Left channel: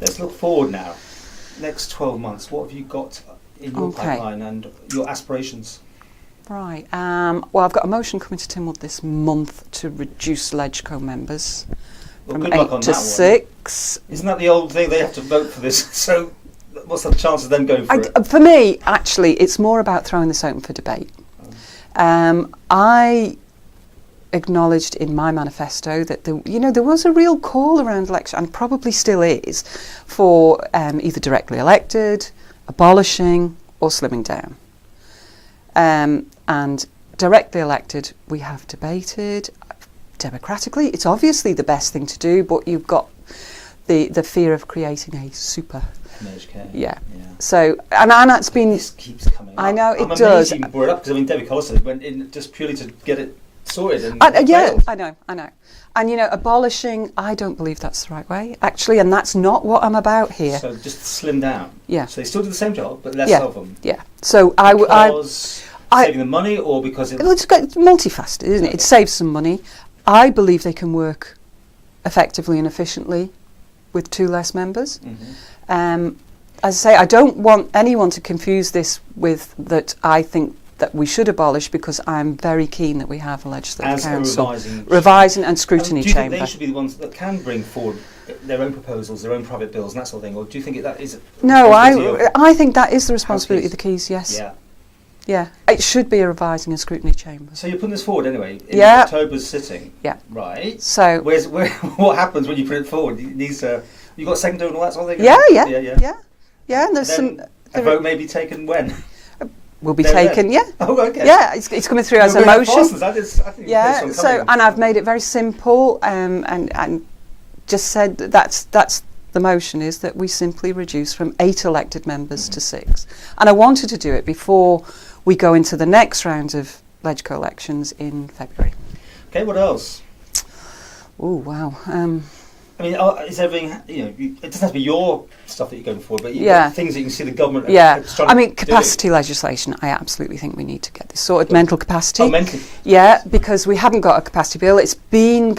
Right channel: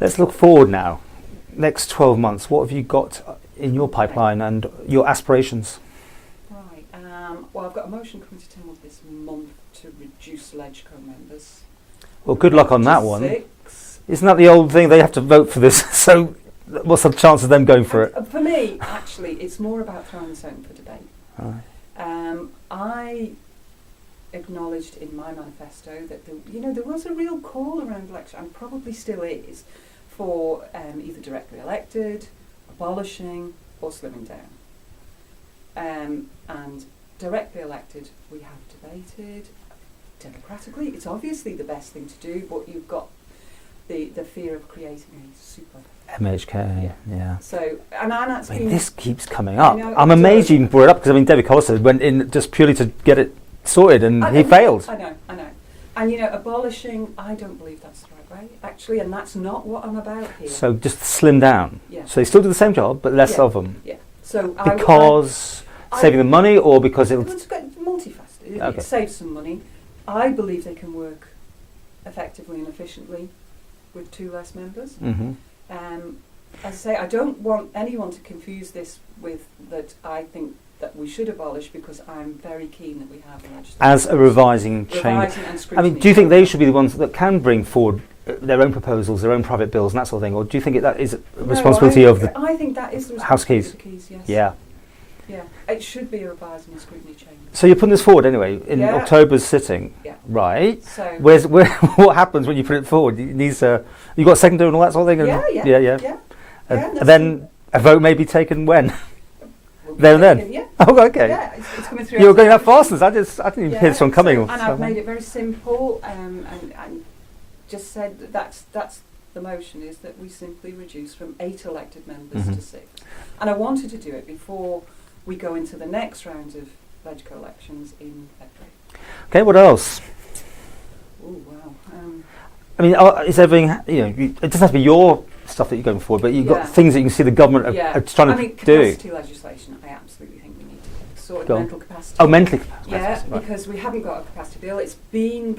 Let's look forward now. Next 12 months, what have you got in your pipeline and your aspirations? Right. Well, I've got a motion coming to Tynwald this month to reduce LegCo members. Well, good luck on that one. 6. Isn't that the old thing? They have to vote for this. So what's the chance of them going for it? For me, actually, it's more about throwing this open for debate. I acknowledged in my manifesto that there was a real call around election, and probably still is, for either directly elected, abolishing, or slimming down. And directly elected, we have debated democratically. It's obviously the best thing to do, but you've got the fear of creating a super MHK. Yeah. Yeah. So, and that's been. This keeps coming up. I know, I'm amazed you brought it up, because I mean, David Collister went in just purely to get it sorted, and he failed. I know. And abolishing, I don't believe that's the right way, actually, and that's not what I'm about here. So just slim down. Yeah. So they still do the same job, but less of them. Yeah. So because saving them money, or because it's multifaceted, isn't it? It saves some money. I believe they can work effectively and efficiently with 2 less members. As I say, I don't want anyone to confuse this with that I think that we should abolish, because I'm very keen that we have a legislative as council. a revising and scrutiny. Do you think they should be the ones that can bring forward their own proposals, their own private bills, and that sort of thing, or do you think that is a responsibility of? I think that is the responsibility of the Keys. Yes. Yeah. Yeah, it should be a revising and scrutiny chamber. So you're putting this forward anyway in October's sitting. Yeah. Right. So what happens when you put it forward? You got secondary and all that sort of thing. Yeah. And then a vote may be taken when. Will be taken. Yeah. Oh, okay. Yeah, it's coming through as a motion. I didn't even hear this one coming. And I've made it very simple, and just said that's the motion is that we simply reduce from 8 elected members to 6. And I wanted to do it before we go into the next round of LegCo elections in February. Okay, what else? Oh, wow. I mean, is everything, it doesn't have to be your stuff that you're going for, but you've got things that you can see the government are trying to do. I mean, capacity legislation, I absolutely think we need to get this sorted. Mental capacity. Oh, mental capacity. Yeah, because we haven't got a capacity bill. It's been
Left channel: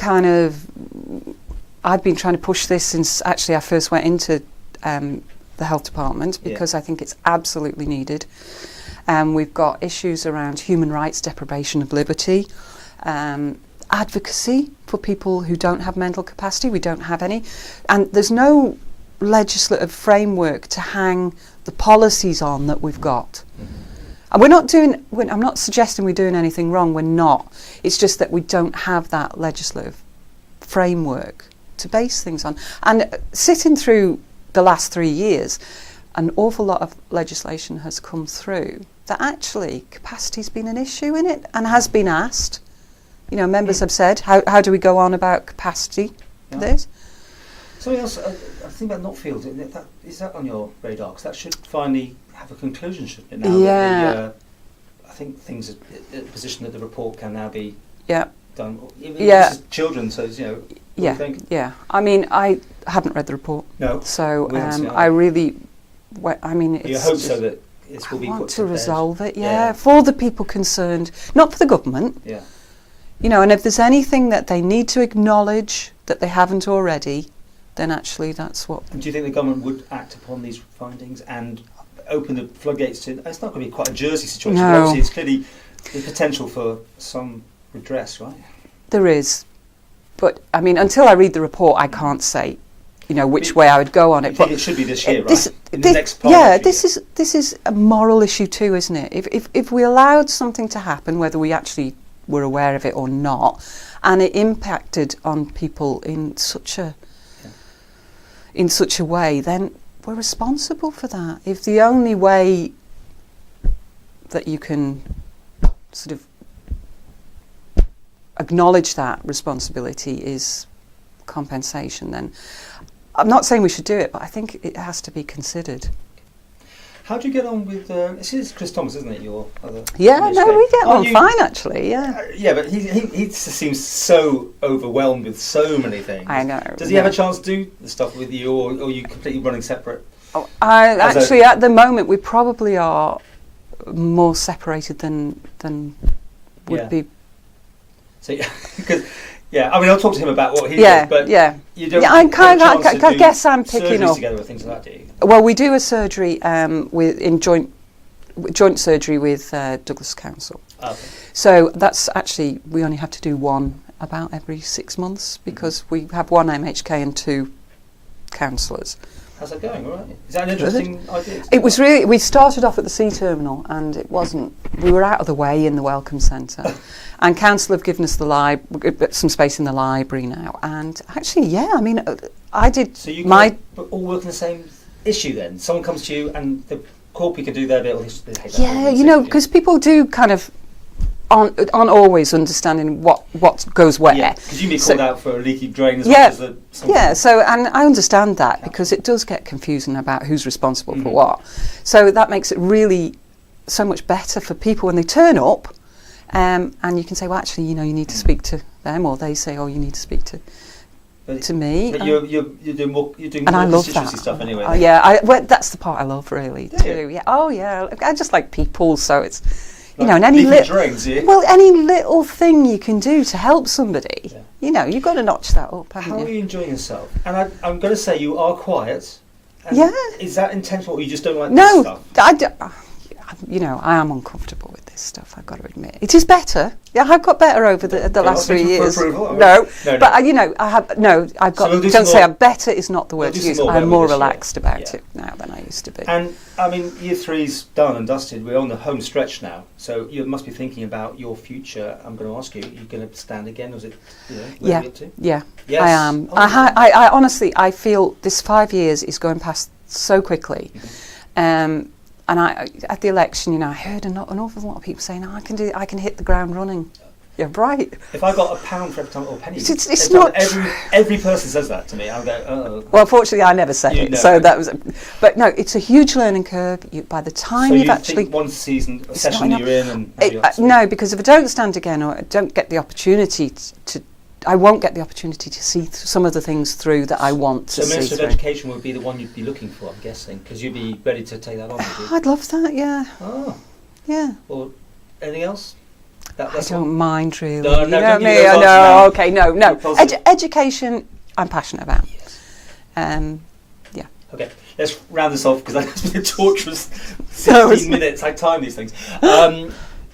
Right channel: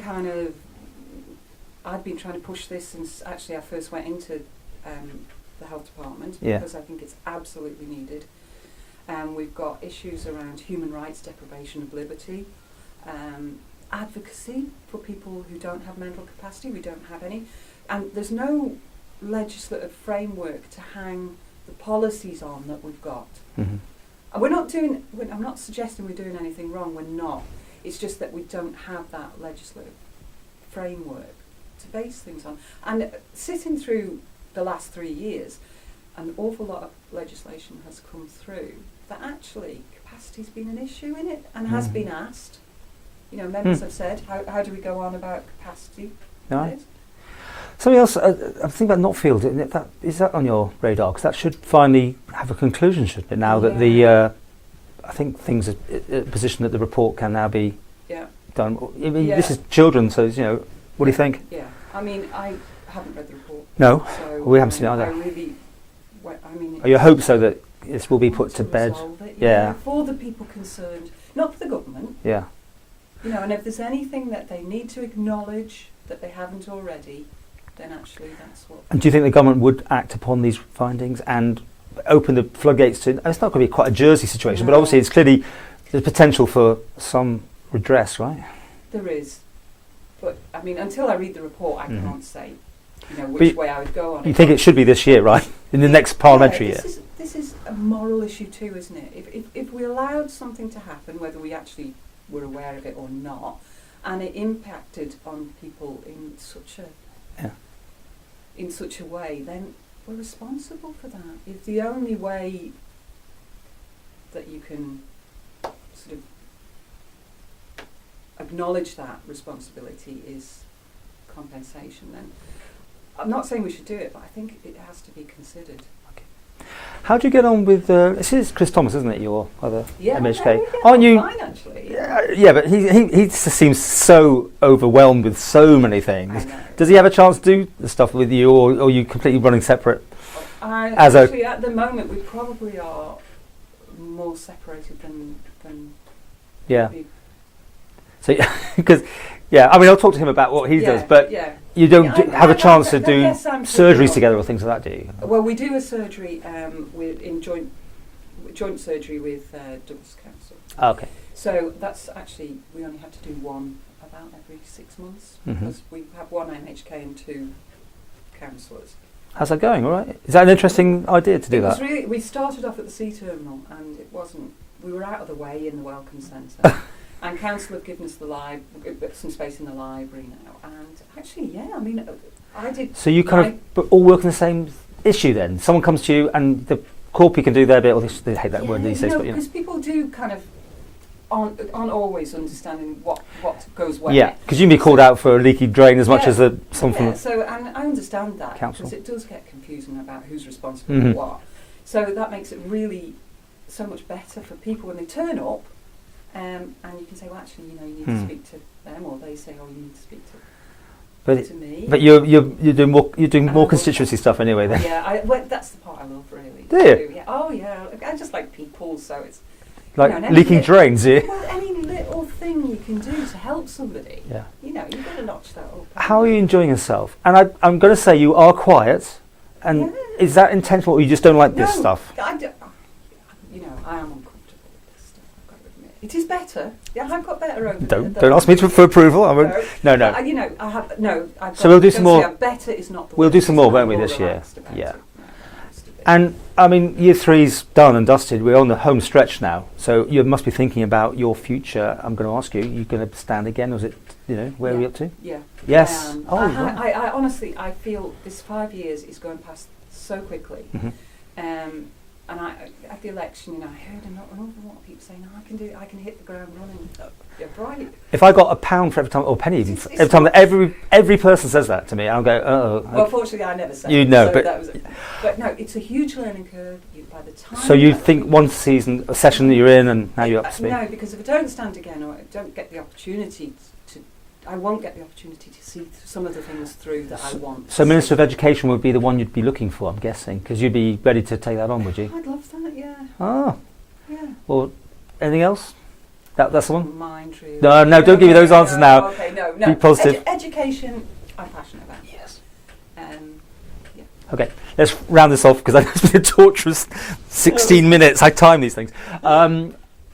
I've been trying to push this since actually I first went into the health department, because I think it's absolutely needed. We've got issues around human rights, deprivation of liberty, advocacy for people who don't have mental capacity. We don't have any. And there's no legislative framework to hang the policies on that we've got. And I'm not suggesting we're doing anything wrong, we're not. It's just that we don't have that legislative framework to base things on. And sitting through the last 3 years, an awful lot of legislation has come through that actually capacity's been an issue in it and has been asked. Members have said, how do we go on about capacity for this? Something else, I think about Knotfield, is that on your radar? Because that should finally have a conclusion, shouldn't it? Now that I think things are in a position that the report can now be done. This is children, so what do you think? Yeah, I mean, I haven't read the report. No, so we haven't seen it. I really, you hope so that this will be put to bed. Resolve it, for the people concerned, not for the government. Yeah. And if there's anything that they need to acknowledge that they haven't already, then actually that's what. And do you think the government would act upon these findings and open the floodgates to? It's not going to be quite a Jersey situation, but obviously it's clearly the potential for some redress, right? There is, but I mean, until I read the report, I can't say, which way I would go on it. You think it should be this year, right? In the next parliamentary year. This is a moral issue too, isn't it? If we allowed something to happen, whether we actually were aware of it or not, and it impacted on people in such a way, then we're responsible for that. If the only way that you can sort of acknowledge that responsibility is compensation, then I'm not saying we should do it, but I think it has to be considered. How do you get on with, this is Chris Thomas, isn't it, your other MHK? We get on fine, actually, yeah, but he just seems so overwhelmed with so many things. I know. Does he have a chance to do the stuff with you, or are you completely running separate? Actually, at the moment, we probably are more separated than would be. So, because Yeah, I mean, I'll talk to him about what he does, but you don't have a chance to do surgeries together or things like that, do you? Well, we do a surgery in joint surgery with Douglas Council. Okay. So that's actually, we only have to do one about every 6 months because we have one MHK and 2 counsellors. How's that going? All right. Is that an interesting idea to do? It was really. We started off at the sea terminal, and it wasn't. We were out of the way in the welcome centre, and council have given us some space in the library now. And actually, yeah, I mean, I did. So you kind of all work on the same issue then. Someone comes to you, and the corporate can do their bit, or they hate that. Yeah, you know, because people do kind of aren't always understanding what goes where. Yeah, because you can be called out for a leaky drain as much as something. Yeah, so, and I understand that because it does get confusing about who's responsible for what. So that makes it really so much better for people when they turn up, and you can say, well, actually, you know, you need to speak to them, or they say, oh, you need to speak to me. But you're doing more constituency stuff anyway. Then. Yeah, that's the part I love really. Do you? Yeah. Oh yeah, I just like people, so it's. Like you know, leaking drains, yeah? Well, any little thing you can do to help somebody, you know, you've got to notch that up. How are you enjoying yourself? And I'm going to say you are quiet. And is that intentional, or you just don't like this stuff? You know, I am uncomfortable with this stuff, I've got to admit. It is better. Yeah, I've got better over the last 3 years. Don't ask me for approval. No. But, you know, I've got, don't say better is not the word to use. I'm more relaxed about it now than I used to be. And, I mean, year 3's done and dusted. We're on the home stretch now. So you must be thinking about your future. I'm going to ask you, you're going to stand again? Or is it, you know, where are you up to? Yeah, yes. I am. I honestly, I feel this 5 years is going past so quickly. And at the election, you know, I heard an awful lot of people saying, "Oh, I can hit the ground running." Yeah, right. If I got £1 for every time, or pennies, every person says that to me, I'll go, oh. Well, fortunately, I never said it, so that was. But no, it's a huge learning curve. By the time so you think one session that you're in, and now you're up to speed? No, because if I don't stand again, or I don't get the opportunity I won't get the opportunity to see some of the things through that I want to see. So Minister of Education would be the one you'd be looking for, I'm guessing, because you'd be ready to take that on, would you? I'd love that, yeah. Oh. Yeah. Or anything else? That's I don't mind, really. No, don't give me those answers now. Okay, no. Education, I'm passionate about. Yes. Yeah. Okay, let's round this off, because that's been a torturous 16 minutes. I time these things.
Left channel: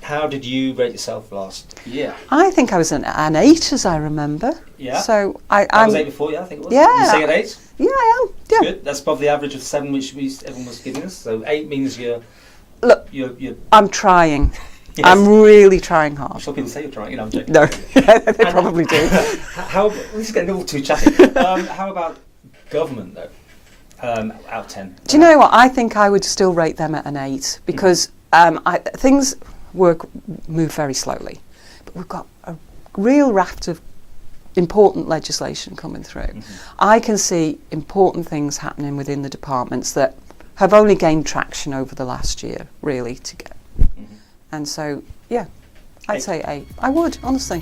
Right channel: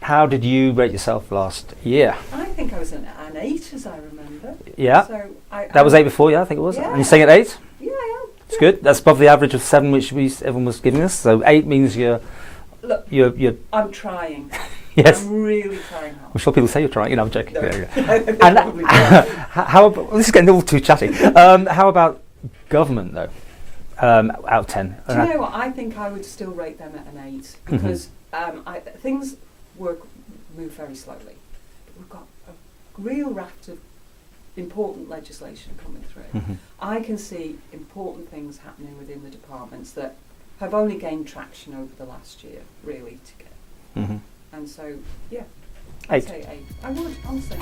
How did you rate yourself last year? I think I was an 8, as I remember. Yeah. So that was 8 before, yeah, I think it was. Yeah. You're saying at 8? Yeah, I am. That's good. That's above the average of 7, which everyone was giving us. So 8 means you're. Look, I'm trying. Yes. I'm really trying hard. I'm sure people say you're trying. You know, I'm joking. No, they probably do. How about, this is getting all too chatty. How about government, though? Out of 10. Do you know what? I think I would still rate them at an 8 because things move very slowly, but we've got a real raft of important legislation coming through. I can see important things happening within the departments that have only gained traction over the last year, really, to get. And so, yeah, I'd say 8. I would, honestly.